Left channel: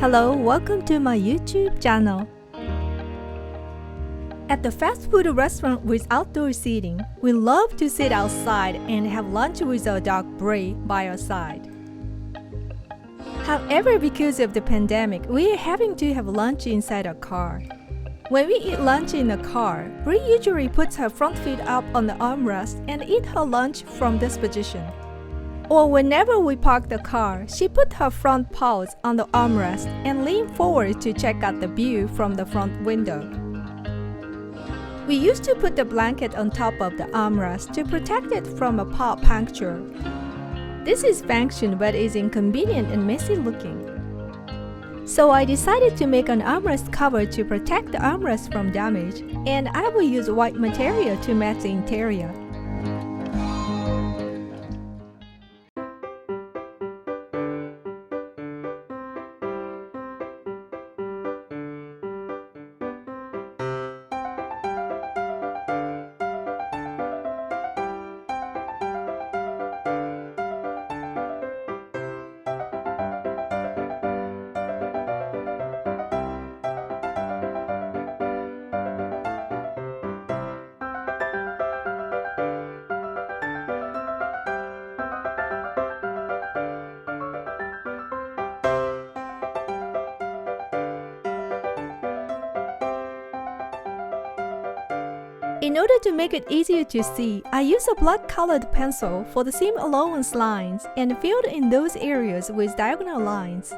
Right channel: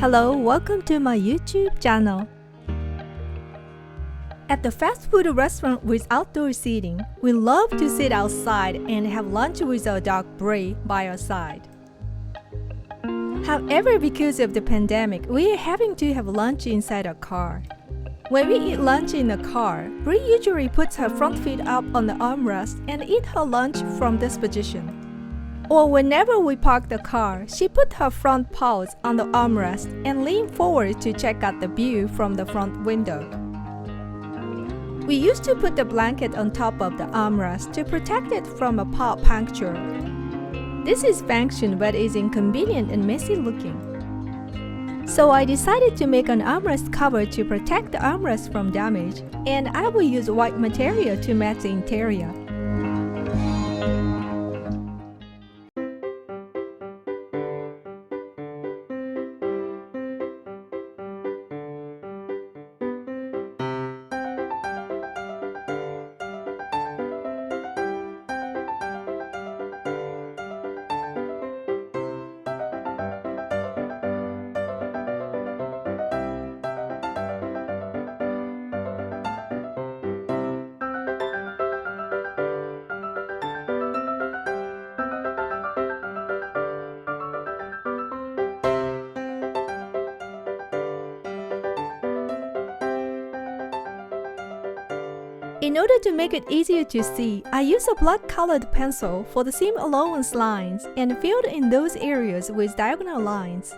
Hello, welcome to my YouTube channel. At the fast food restaurant with outdoor seating, we love to sit outside and have lunch with our dog Brie by our side. However, because of the pandemic, we are having to have lunch inside our car. When we eat lunch in the car, Brie usually puts her front feet up on the armrest and eat her lunch from this position. Or whenever we park the car, she put her front paws on the armrest and lean forward to check out the view from the front window. We used to put the blanket on top of the armrest to protect it from a paw puncture. This is function but is inconvenient and messy looking. So I decided to make an armrest cover to protect the armrest from damage, and I will use white material to match the interior. In order to make it easier to see, I use a blood-colored pencil for the seam allowance lines and filled in those areas with diagonal lines.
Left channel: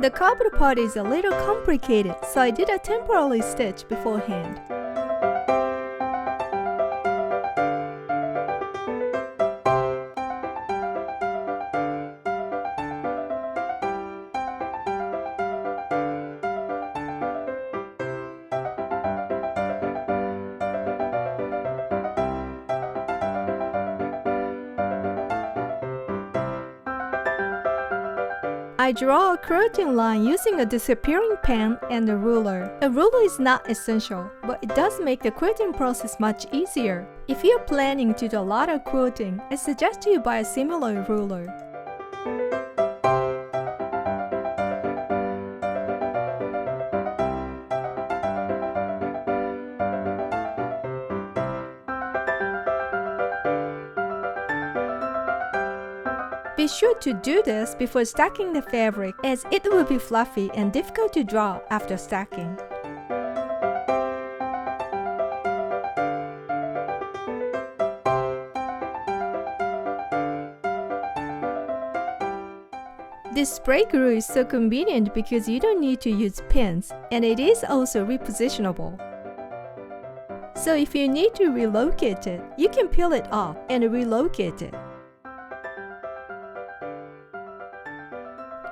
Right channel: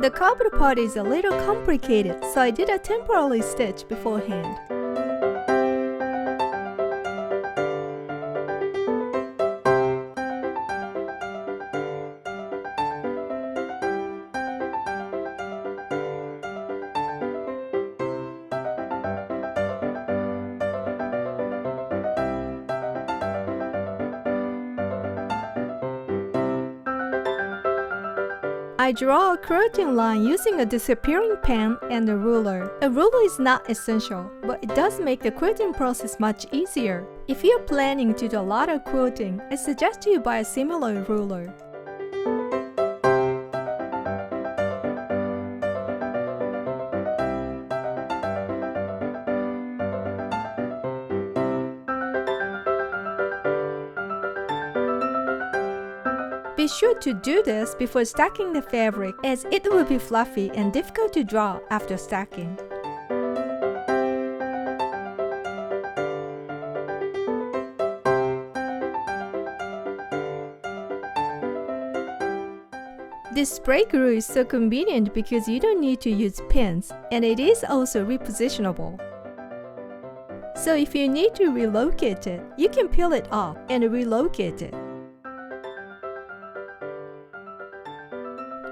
The covered part is a little complicated, so I did a temporary stitch beforehand. I draw a quilting line using a disappearing pen and a ruler. A ruler is not essential, but it does make the quilting process much easier. If you're planning to do a lot of quilting, I suggest you buy a similar ruler. Be sure to do this before stacking the fabric, as it will be fluffy and difficult to draw after stacking. This spray glue is so convenient because you don't need to use pins, and it is also repositionable. So if you need to relocate it, you can peel it off and relocate it.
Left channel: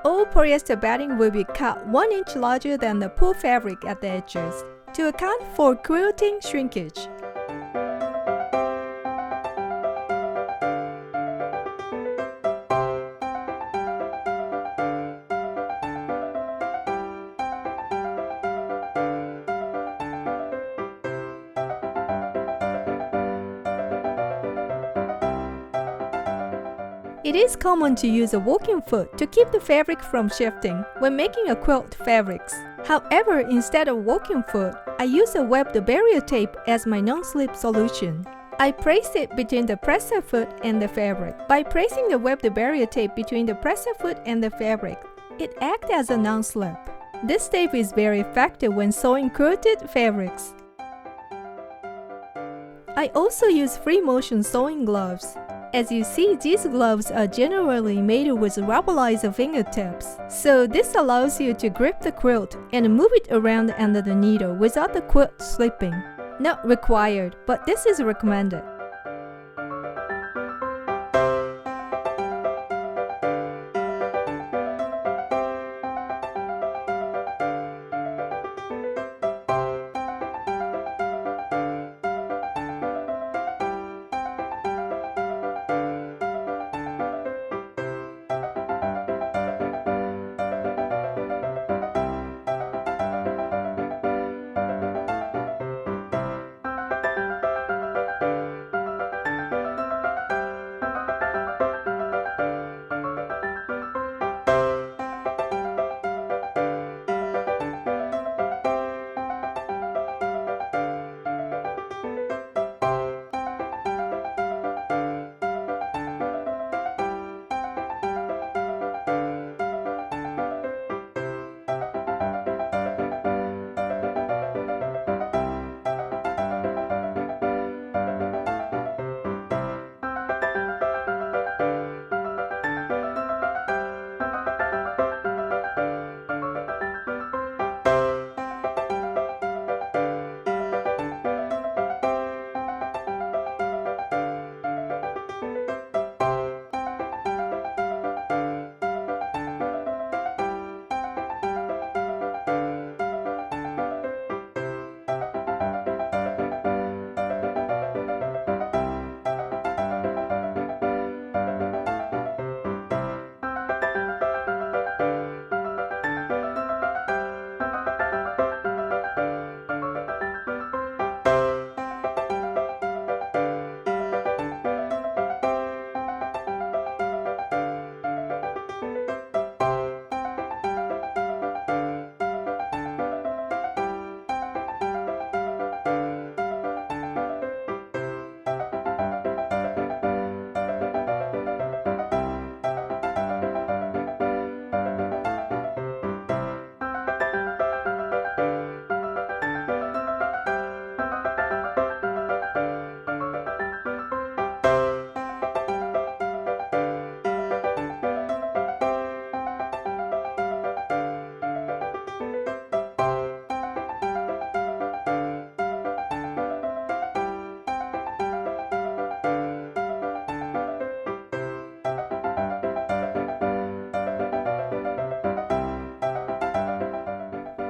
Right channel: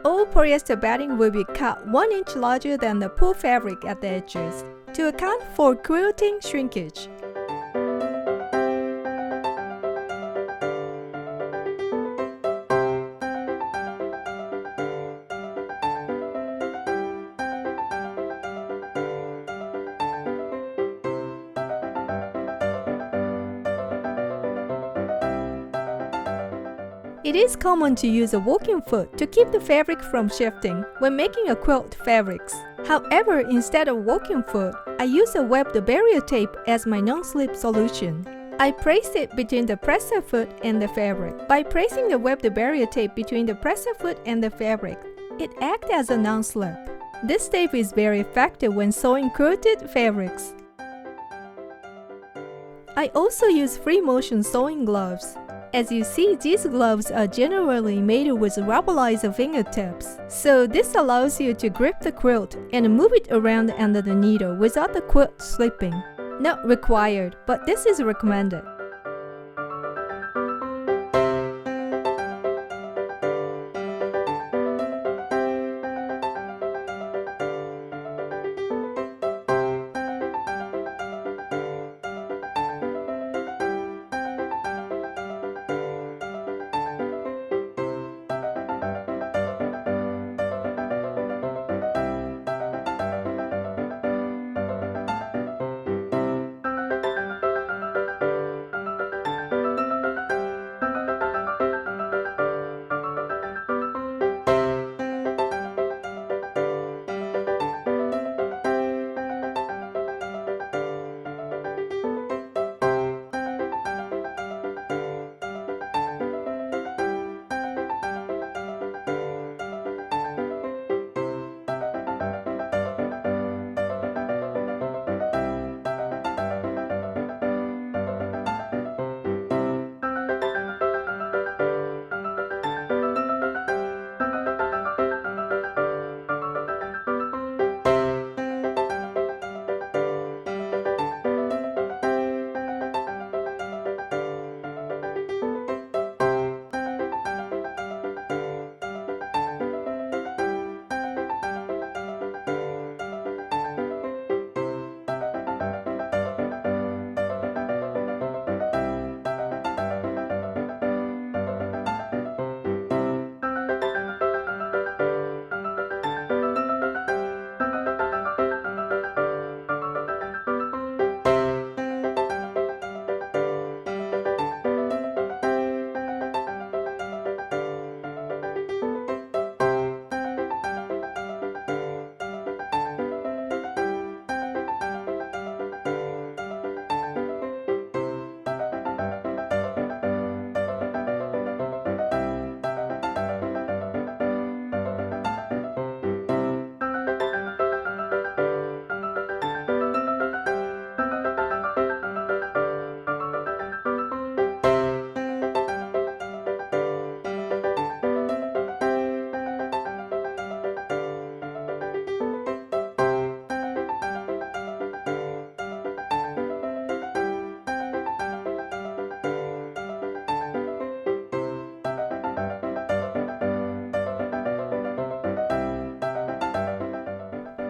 All polyester batting will be cut 1 inch larger than the pull fabric at the edges to account for quilting shrinkage. It is common to use a walking foot to keep the fabric from shifting when making a quilt fabrics. However, instead of walking foot, I use a webbed barrier tape as my non-slip solution. I place it between the presser foot and the fabric. By placing the webbed barrier tape between the presser foot and the fabric, it acts as a non-slip. This tape is very effective when sewing quilted fabrics. I also use free motion sewing gloves. As you see, these gloves are generally made with rubberized fingertips, so this allows you to grip the quilt and move it around under the needle without the quilt slipping. Not required, but this is recommended.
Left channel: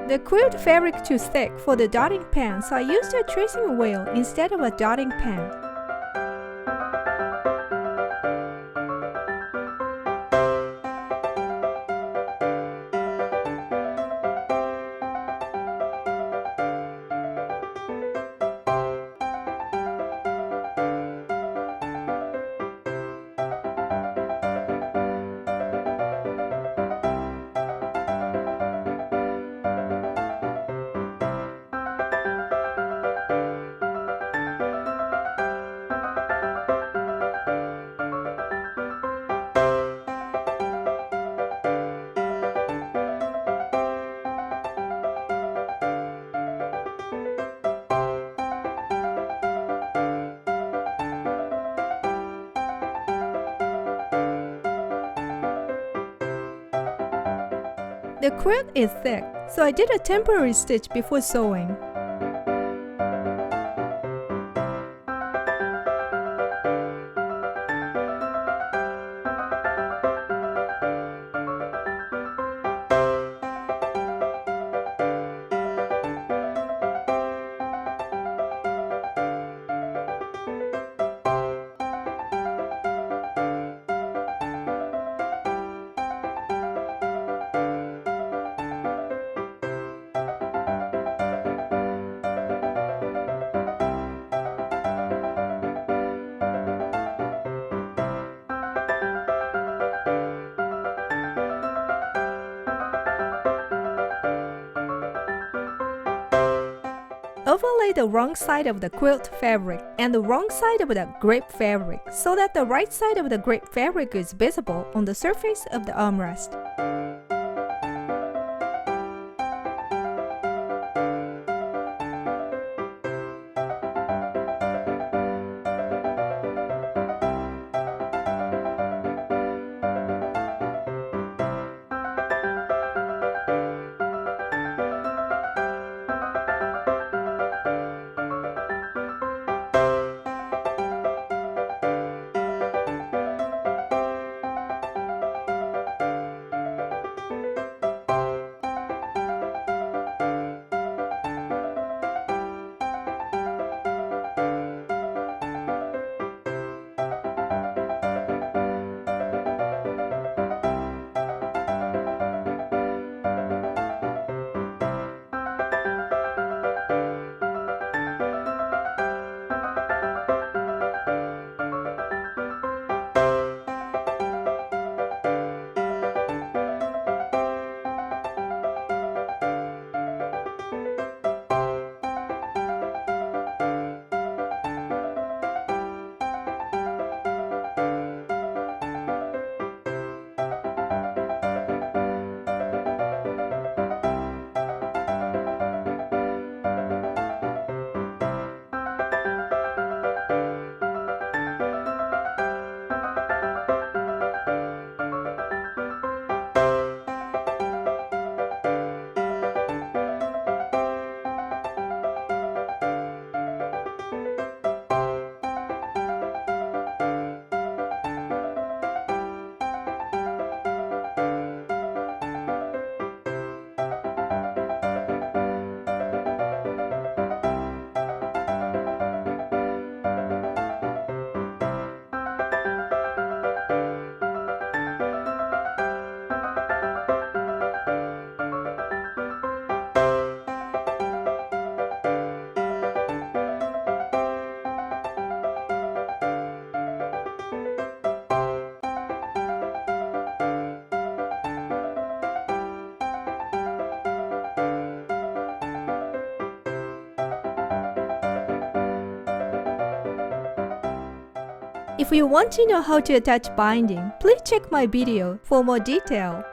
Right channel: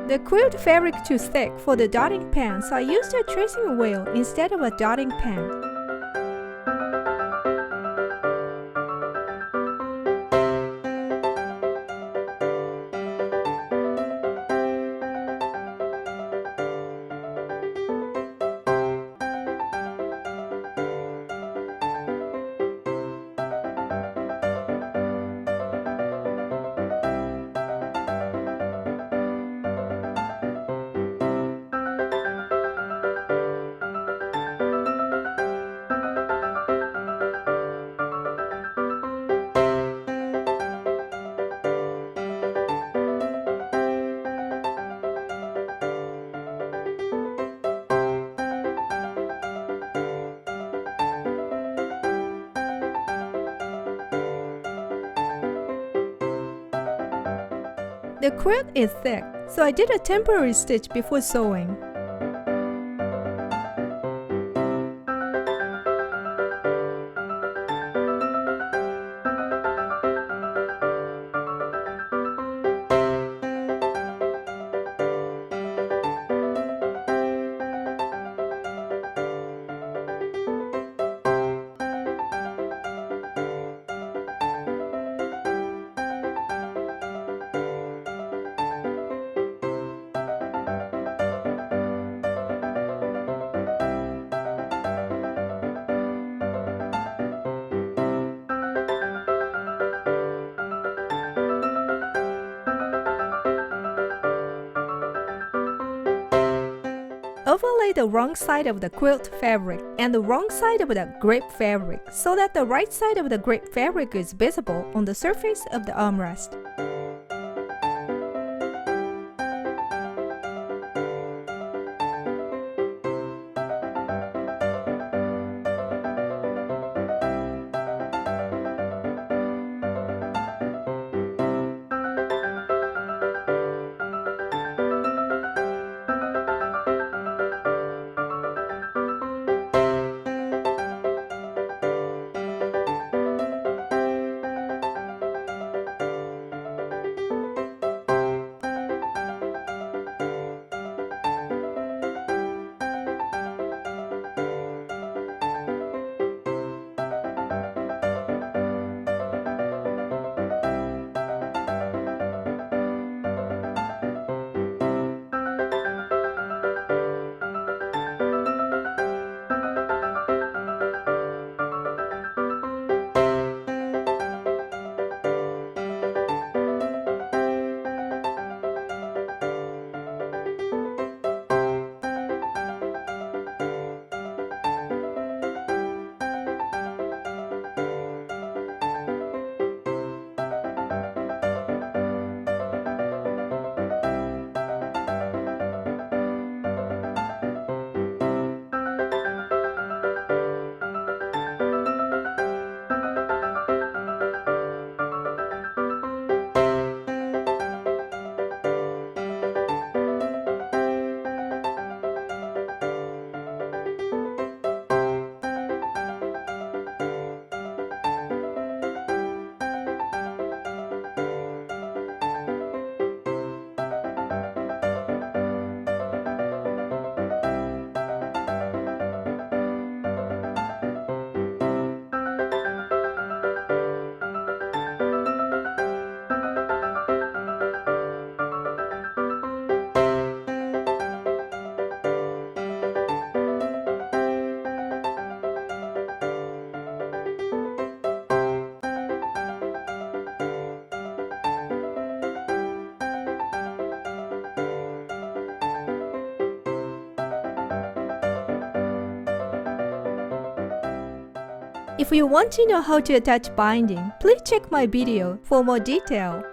The quilt fabric too thick for the dotting pen, so I used a tracing wheel instead of a dotting pen. The quilt is thick, so I did a temporary stitch before sewing. overlay the wrong side of the quilt fabric and the wrong side of the grape fabric so that the right side of the grape fabric is visible on the surface of the armrest. If you want to know how to attach binding, please check my video for more detail.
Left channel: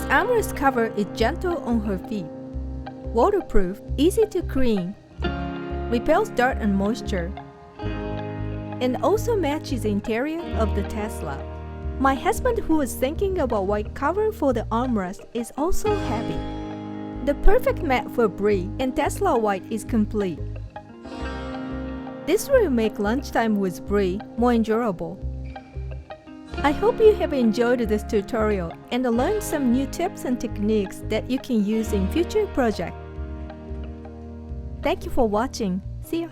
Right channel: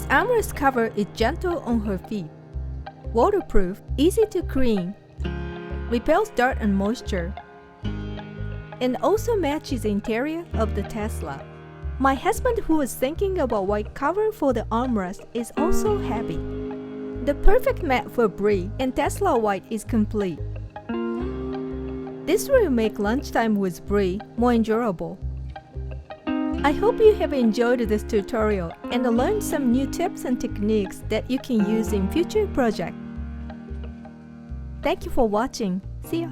This armrest cover is gentle on her feet, waterproof, easy to clean, repels dirt and moisture, and also matches the interior of the Tesla. My husband, who was thinking about white cover for the armrest, is also happy. The perfect mat for Bree and Tesla White is complete. This will make lunchtime with Bree more enjoyable. I hope you have enjoyed this tutorial and learned some new tips and techniques that you can use in future projects. Thank you for watching. See ya!